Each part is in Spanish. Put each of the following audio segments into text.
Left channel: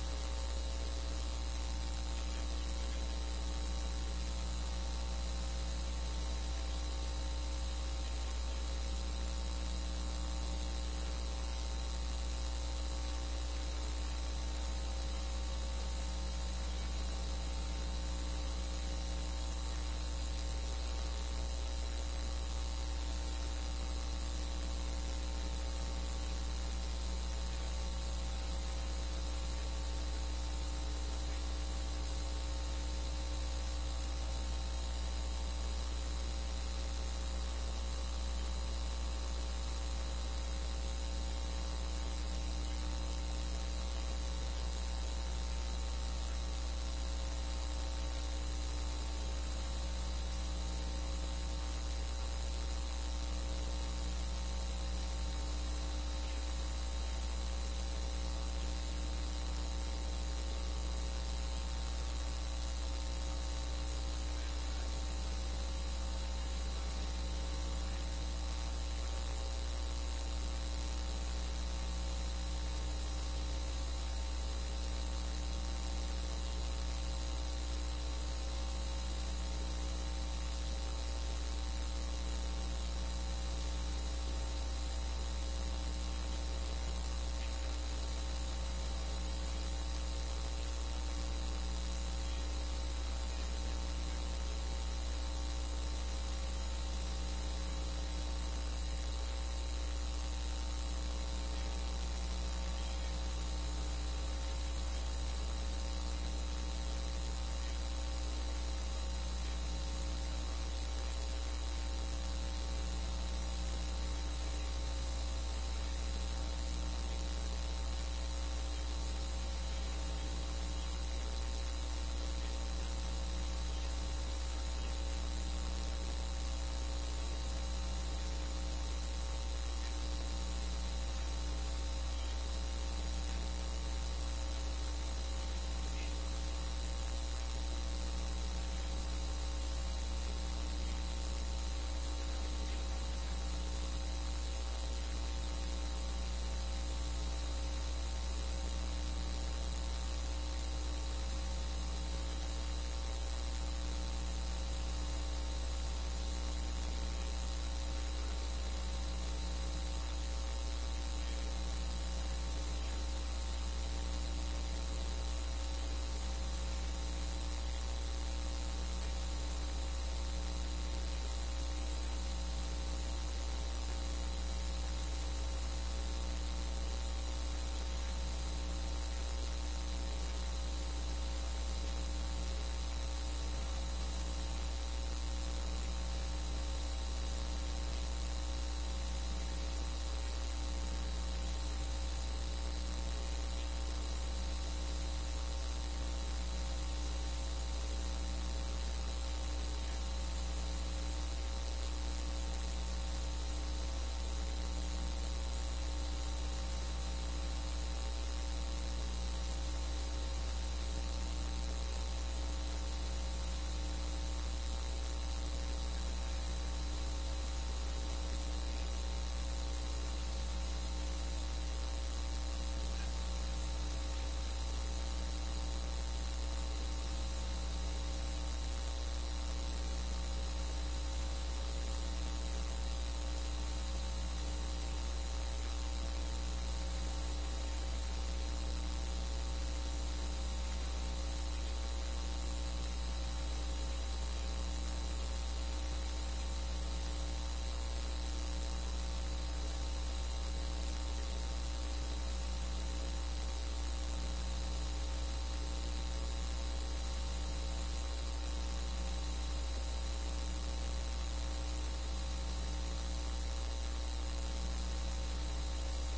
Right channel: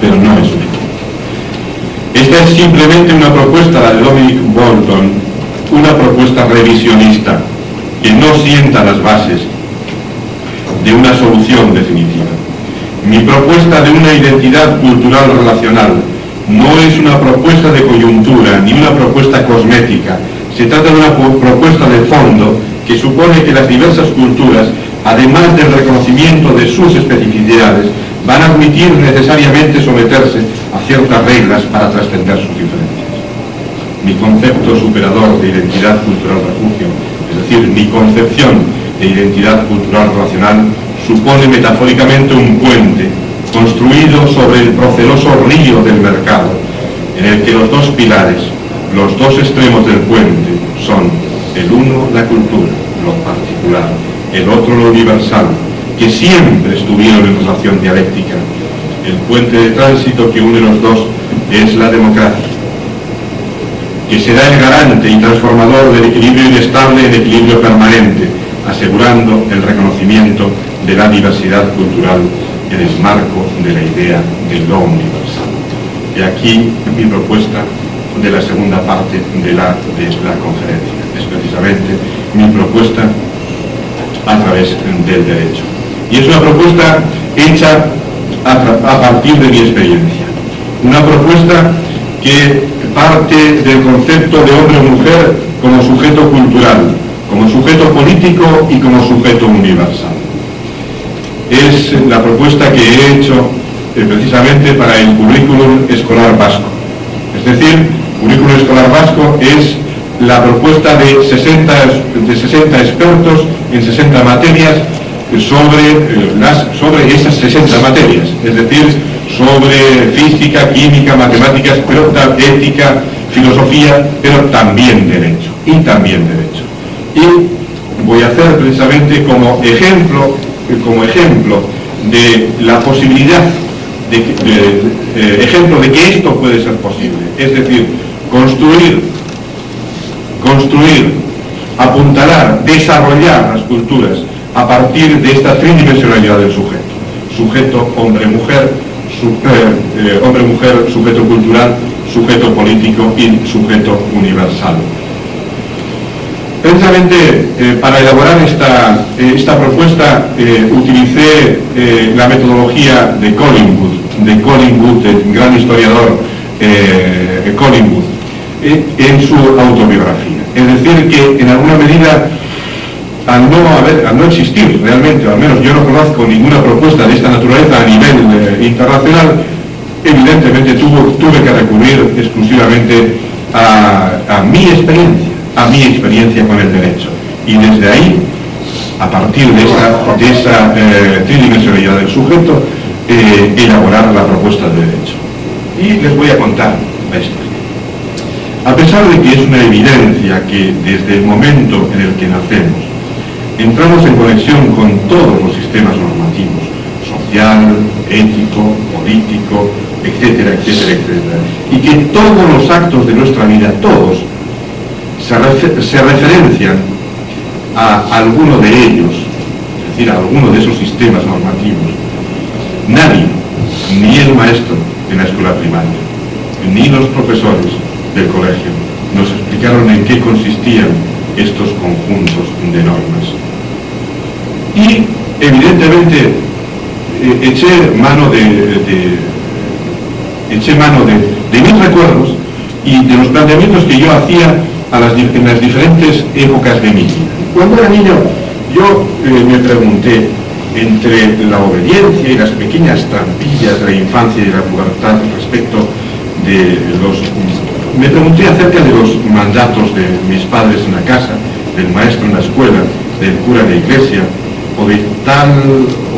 pero no es suficiente. Esta es simplemente una propuesta, la de Dominic Bolton, una propuesta revisionista que no sienta las bases de una solución definitiva. Mi propuesta de una identidad cultural relacional no es una propuesta de coyuntura ni una propuesta cosmética. Se trata de una propuesta de fondo que supone que las diversas culturas, además del reconocimiento de sus especificidades, van a admitir necesariamente someterse a ciertas reglas para trascender sus diferencias. Mi concepto superador de identidad cultural refugio, es decir, mi concepción de identidad cultural relacional, supone metafóricamente un puente construido sobre el proceloso río del mercado, en el que los dos pilares, los dos extremos del puente son el uno la cultura, lo particular, el otro lo universal, que siempre estuvieron en relación dialéctica. El puente de tránsito que une los dos es la democracia, que será el garante y transformador del equilibrio inestable en equilibrio permanente, asegurando el reconocimiento de la diversidad cultural en el marco de la idea de lo universal. Y aquí mi propuesta de la segunda parte de la conferencia. Es precisamente mi propuesta a través del derecho. Y es una propuesta hecha a partir de mi experiencia. Una propuesta que parte del concepto de hombre o mujer como sujeto cultural, como sujeto político y como sujeto universal. Es la propuesta que he hecho precisamente para el currículum escolar vasco. Es decir, currículum escolar vasco es la propuesta de 60 expertos en 60 materias sobre esas 60 materias, es decir, sobre física, química, matemáticas, pero ética, filosofía, pero también derecho, Y voy a hacer precisamente como ejemplo de la posibilidad, ejemplo de que esto puede ser posible, es decir, construir, apuntalar, desarrollar las culturas a partir de esta tridimensionalidad del sujeto hombre-mujer, hombre-mujer, sujeto cultural, sujeto político y sujeto universal. Precisamente para elaborar esta propuesta utilicé la metodología de Collingwood, el gran historiador Collingwood, en su autobiografía. Es decir, que en alguna medida, al no existir realmente, al menos yo no conozco ninguna propuesta de esta naturaleza a nivel internacional, evidentemente tuve que recurrir exclusivamente a mi experiencia con el derecho. Y desde ahí, a partir de esa tridimensionalidad del sujeto, elaborar la propuesta de derecho. Y les voy a contar la historia. A pesar de que es una evidencia que desde el momento en el que nacemos entramos en conexión con todos los sistemas normativos, social, ético, político, etcétera, y que todos los actos de nuestra vida, todos, se referencian a alguno de ellos, es decir, a alguno de esos sistemas normativos. Nadie, ni el maestro en la escuela primaria, ni los profesores del colegio, nos explicaron en qué consistían estos conjuntos de normas. Y, evidentemente, eché mano de mis recuerdos y de los planteamientos que yo hacía en las diferentes épocas de mi vida. Cuando era niño, yo me pregunté entre la obediencia y las pequeñas trampillas de la infancia y de la pubertad respecto de me pregunté acerca de los mandatos de mis padres en la casa, del maestro en la escuela, del cura de la iglesia, o de tal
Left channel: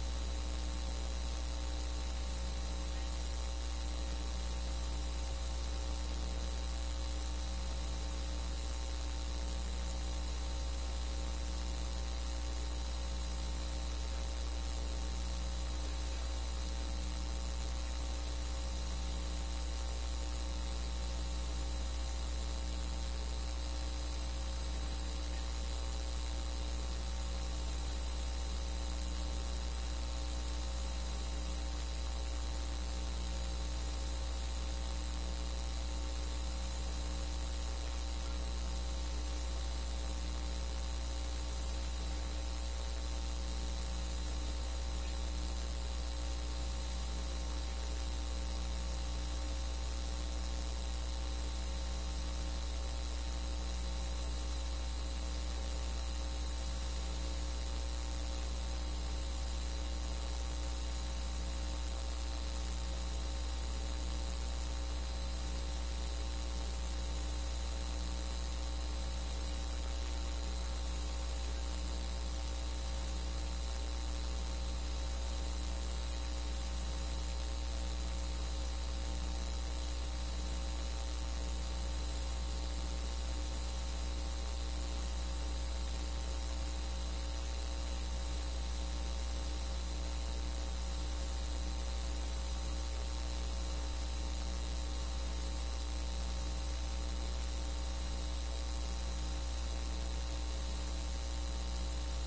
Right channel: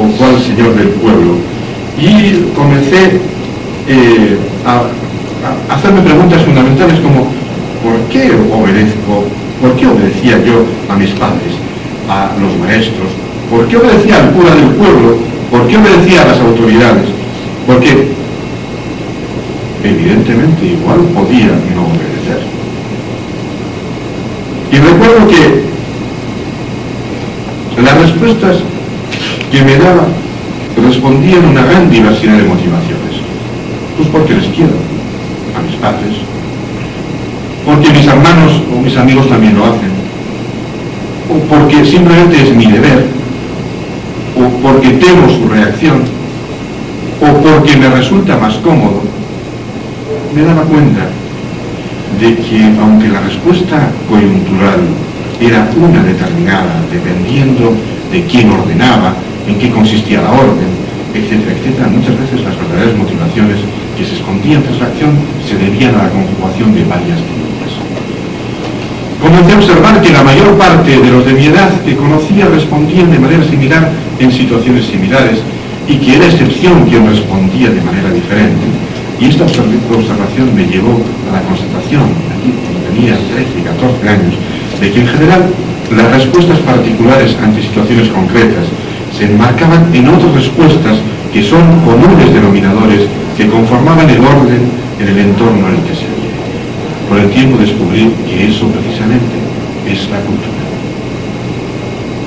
o cual señor del pueblo. Y comencé a hacerme preguntas fundamentales como ¿por qué obedecía yo a mis padres, a los maestros? ¿Por qué obedecía al cura del pueblo? ¿Por qué obedecía a las autoridades? Porque evidentemente igual podía no obedecer. Y recuerdo que las respuestas que me daba respondían a una gran diversidad de motivaciones. Pues porque les quiero, a mis padres, porque mis hermanos o mis amigos también lo hacen, o porque simplemente es mi deber, o porque temo su reacción, o porque me resulta más cómodo. Me daba cuenta de que, aunque la respuesta coyuntural era una determinada, dependiendo de quién ordenaba, en qué consistía la orden, etcétera, etcétera, muchas veces las verdaderas motivaciones que se escondían tras la acción se debían a la conjugación de varias teorías. Comencé a observar que la mayor parte de los de mi edad que conocía respondían de manera similar en situaciones similares y que era excepción quien respondía de manera diferente. Y esta observación me llevó a la constatación, aquí cuando tenía 13 y 14 años, de que en general las respuestas particulares ante situaciones concretas se enmarcaban en otras respuestas que son comunes denominadores que conformaban el orden en el entorno en el que se vive. Con el tiempo descubrí que eso precisamente es la cultura,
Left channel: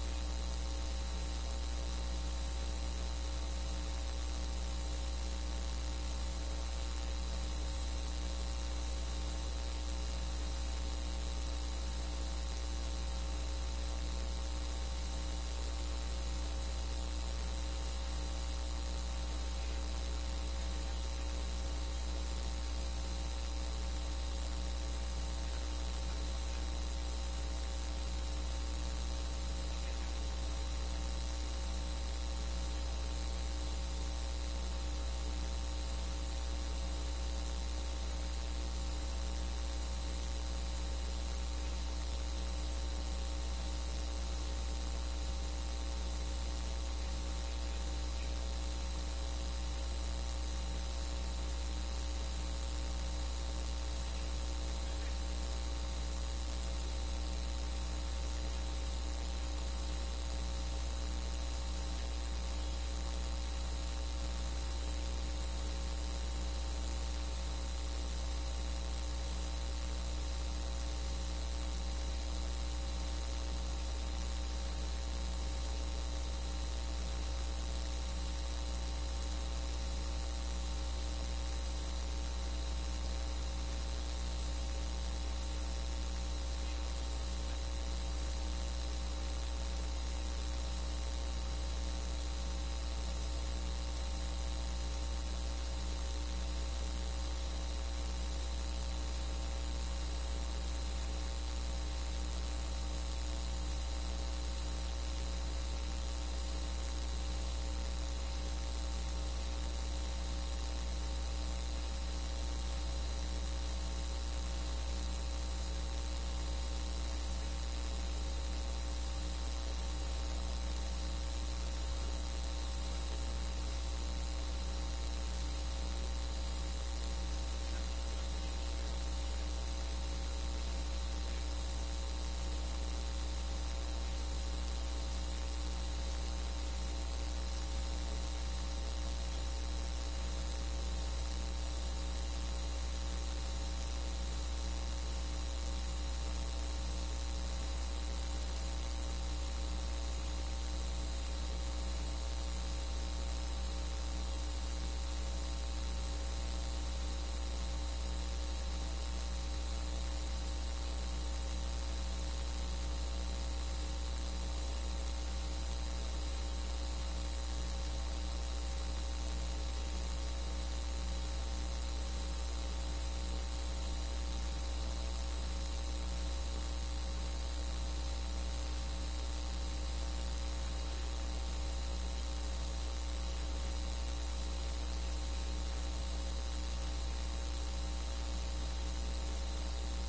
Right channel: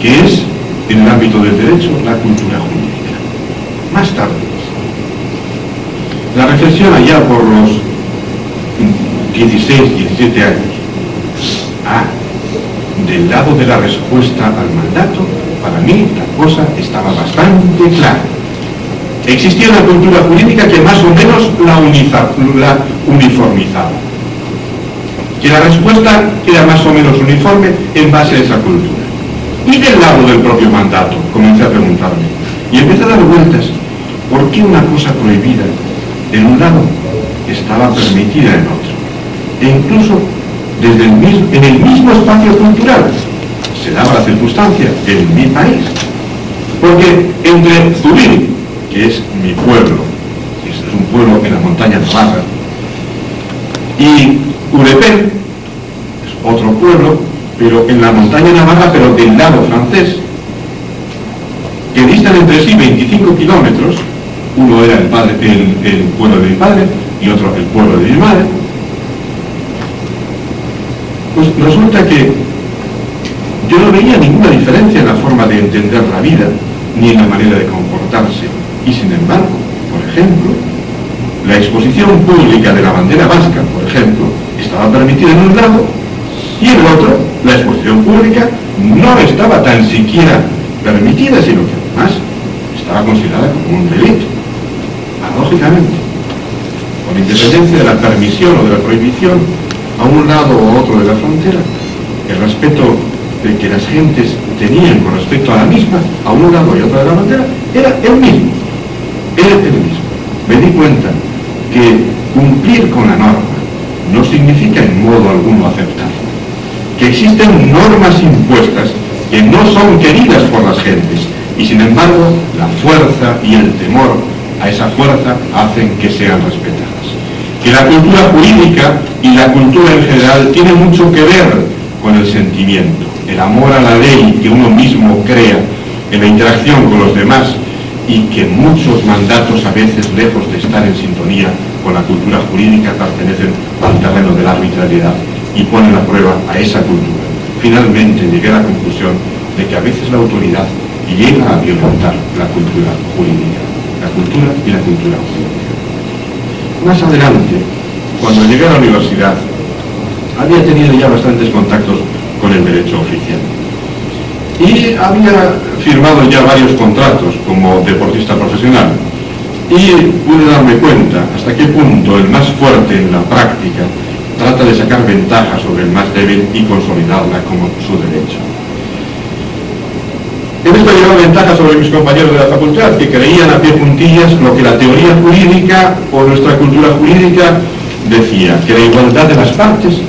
que es, en el ámbito del derecho, la cultura jurídica. Más tarde, la reflexión allá por los 16, 17 años, del lado de la respuesta al mandato, para mí la cosa estaba bastante clara. Existía una cultura jurídica que más o menos la uniformizaba, que la respuesta era más o menos uniforme en base a esa cultura. Y del lado del propio mandato, comencé a preguntarme, y empecé a dar vueltas, ¿por qué una cosa prohibida en un lado estaba permitida en otro? E incluso en el mismo espacio cultural se daba la circunstancia en mi país, porque entre Zubiri, que es mi pueblo, es un pueblo en la montaña navarra, y Urepel, es otro pueblo, pero en la montaña navarra, pero del lado francés, que distan entre sí 25 kilómetros, uno era el pueblo de mi padre y otro el pueblo de mi madre. Pues resulta que yo no veía ninguna diferencia en la forma de entender la vida, ni en la manera de comportarse. Y sin embargo, por ejemplo, la exposición pública de la bandera vasca, por ejemplo, estaba permitida en un lado, y en el otro, la exposición pública no estaba tan siquiera permitida, sino que además estaba considerada como un delito. Paradójicamente, con independencia de la permisión o de la prohibición, a un lado o otro de la frontera, el respeto que las gentes tenían con respecto a la misma, a un lado y otro de la frontera, era el mismo. Me di cuenta que cumplir con la norma no significa en modo alguno aceptarla, que existen normas impuestas que no son queridas por las gentes, y sin embargo la fuerza y el temor a esa fuerza hacen que sean respetadas. Que la cultura jurídica y la cultura en general tiene mucho que ver con el sentimiento, el amor a la ley que uno mismo crea en la interacción con los demás, y que muchos mandatos, a veces lejos de estar en sintonía con la cultura jurídica, pertenecen al terreno de la arbitrariedad y ponen a prueba a esa cultura. Finalmente llegué a la conclusión de que a veces la autoridad llega a violentar la cultura jurídica, la cultura y la cultura jurídica. Más adelante, cuando llegué a la universidad, había tenido ya bastantes contactos con el derecho oficial. Y había firmado ya varios contratos como deportista profesional. Y pude darme cuenta hasta qué punto el más fuerte en la práctica trata de sacar ventaja sobre el más débil y consolidarla como su derecho. En esto llevaba ventaja sobre mis compañeros de la facultad, que creían a pie juntillas lo que la teoría jurídica o nuestra cultura jurídica decía, que la igualdad de las partes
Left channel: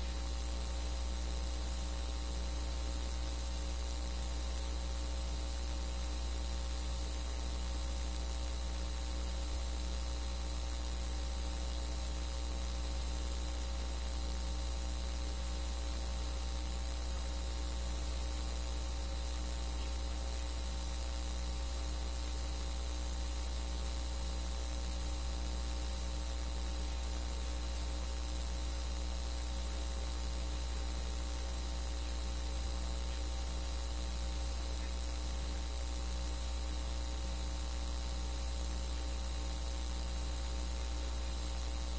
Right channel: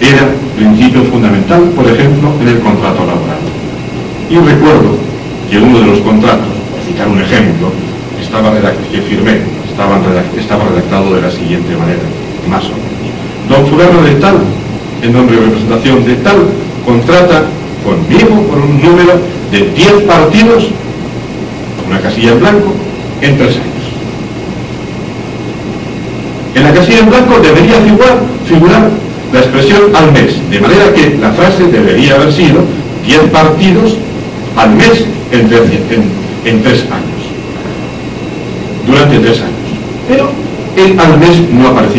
era principio fundamental, por ejemplo, en el contrato laboral. Y recuerdo que uno de los contratos, por citar un ejemplo, que firmé, estaba redactado de la siguiente manera, más o menos. Don fulano de tal, en nombre de representación de tal, contrata conmigo por un número de 10 partidos, una casilla en blanco, en 3 años. En la casilla en blanco debería figurar la expresión al mes, de manera que la frase debería haber sido 10 partidos al mes en 3 años, durante 3 años. Pero él al mes no aparecía.